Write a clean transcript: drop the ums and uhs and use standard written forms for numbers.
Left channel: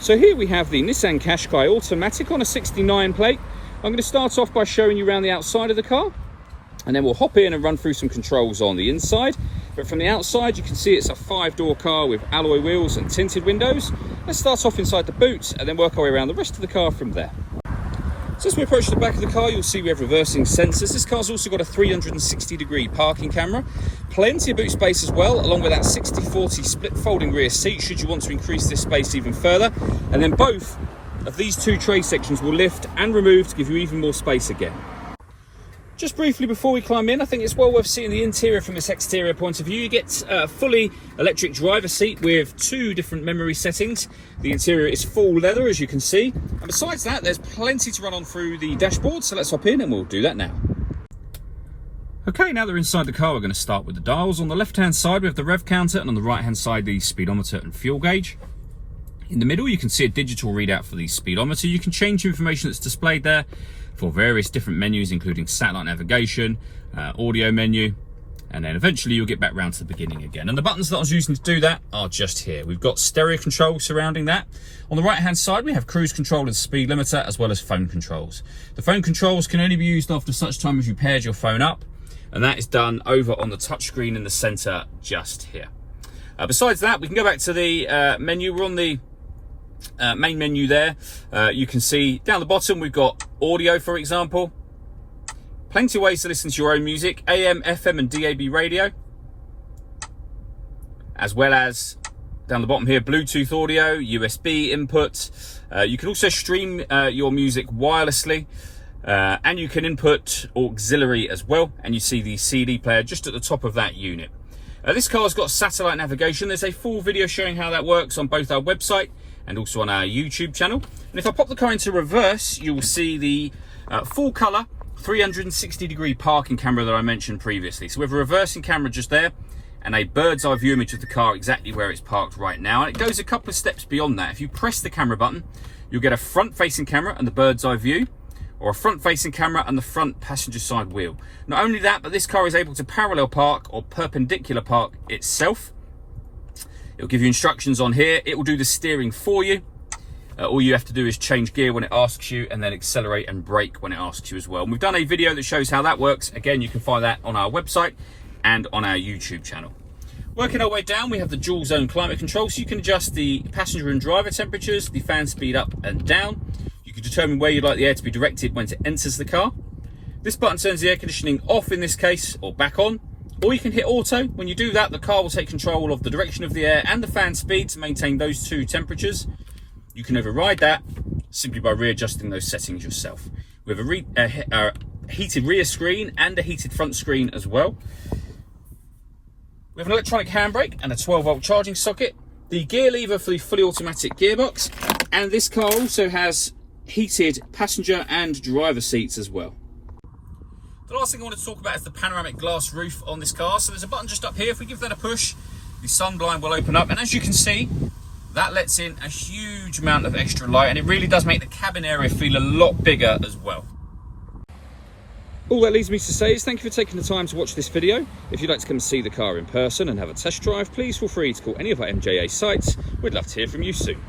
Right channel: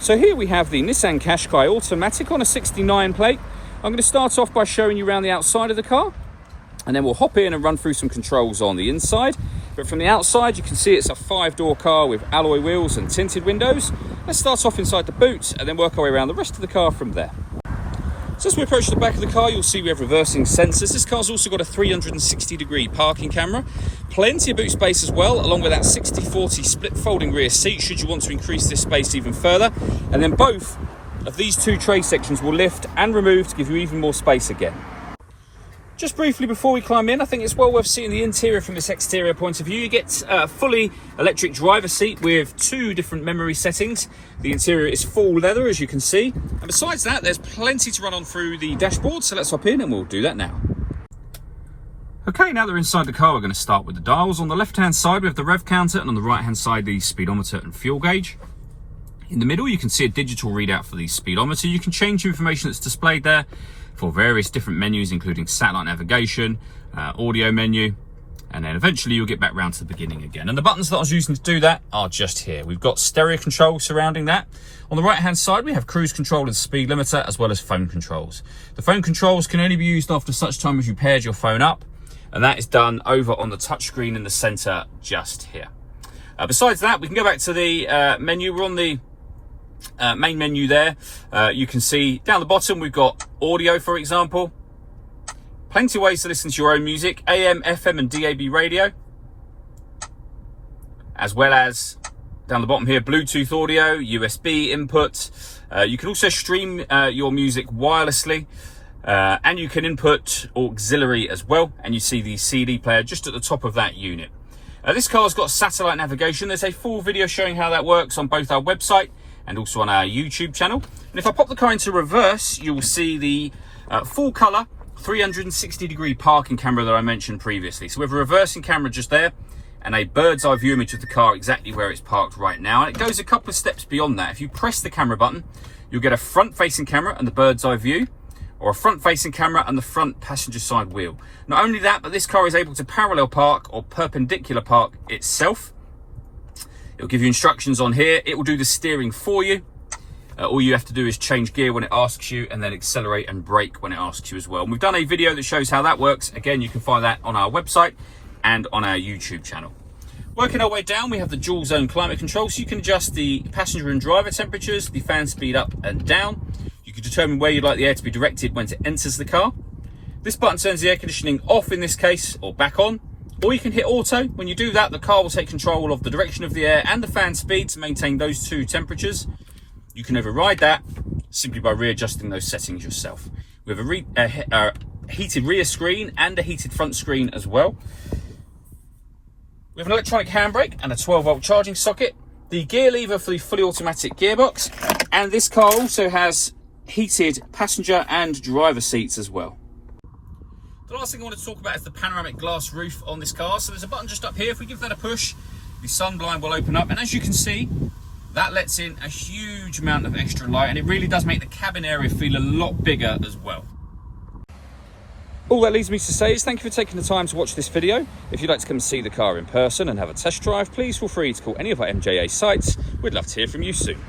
So here we have the Nissan Qashqai automatic on a 69 plate. I'm going to start off by showing you around the outside of the car, and then we'll hop in and run through some controls on the inside. But from the outside, you can see it's a 5-door car with alloy wheels and tinted windows. Let's start off inside the boot and then work our way around the rest of the car from there. So as we approach the back of the car, you'll see we have reversing sensors. This car's also got a 360-degree parking camera. Plenty of boot space as well, along with that 60/40 split folding rear seat, should you want to increase this space even further. And then both of these two tray sections will lift and remove to give you even more space again. Just briefly before we climb in, I think it's well worth seeing the interior from this exterior point of view. You get a fully electric driver seat with 2 different memory settings. The interior is full leather, as you can see. And besides that, there's plenty to run on through the dashboard, so let's hop in and we'll do that now. Okay, now that we're inside the car, we're going to start with the dials. On the left-hand side, we have the rev counter, and on the right-hand side, the speedometer and fuel gauge. In the middle, you can see a digital readout for the speedometer. You can change the information that's displayed there for various different menus, including satellite navigation, audio menu, and then eventually you'll get back round to the beginning again. And the buttons that I was using to do that are just here. We've got stereo control surrounding that. On the right-hand side, we have cruise control and speed limiter, as well as phone controls. The phone controls can only be used after such time as you paired your phone up, and that is done over on the touchscreen in the center just here. Besides that, we can go back to the menu. We're on the main menu there. You can see down the bottom we've got audio, for example. Plenty of ways to listen to your own music, AM, FM and DAB radio, as well as down the bottom here, Bluetooth audio, USB input. You can also stream your music wirelessly, and you can input auxiliary as well, and you see the CD player just at the top of that unit. This car's got satellite navigation. There's a full video showing how that works on both our website and also on our YouTube channel. And if I pop the car into reverse, you will see the full colour 360-degree parking camera that I mentioned previously. So we have a reversing camera just there and a bird's eye view image of the car exactly where it's parked right now. And it goes a couple of steps beyond that. If you press the camera button, you'll get a front-facing camera and the bird's eye view, or a front-facing camera and the front passenger side wheel. Not only that, but this car is able to parallel park or perpendicular park itself. It'll give you instructions on here. It will do the steering for you. All you have to do is change gear when it asks you, and then accelerate and brake when it asks you as well. And we've done a video that shows how that works. Again, you can find that on our website and on our YouTube channel. Working our way down, we have the dual zone climate control, so you can adjust the passenger and driver temperatures, the fan speed up and down. You can determine where you'd like the air to be directed when it enters the car. This button turns the air conditioning off in this case, or back on. Or you can hit auto. When you do that, the car will take control of the direction of the air and the fan speed to maintain those 2 temperatures. You can override that simply by readjusting those settings yourself. We have a heated rear screen and a heated front screen as well. We have an electronic handbrake and a 12-volt charging socket. The gear lever for the fully automatic gearbox. And this car also has heated passenger and driver seats as well. The last thing I want to talk about is the panoramic glass roof on this car. So there's a button just up here. If we give that a push, the sun blind will open up. And as you can see, that lets in a huge amount of extra light. And it really does make the cabin area feel a lot bigger as well. All that leaves me to say is thank you for taking the time to watch this video. If you'd like to come and see the car in person and have a test drive, please feel free to call any of our MJA sites. We'd love to hear from you soon.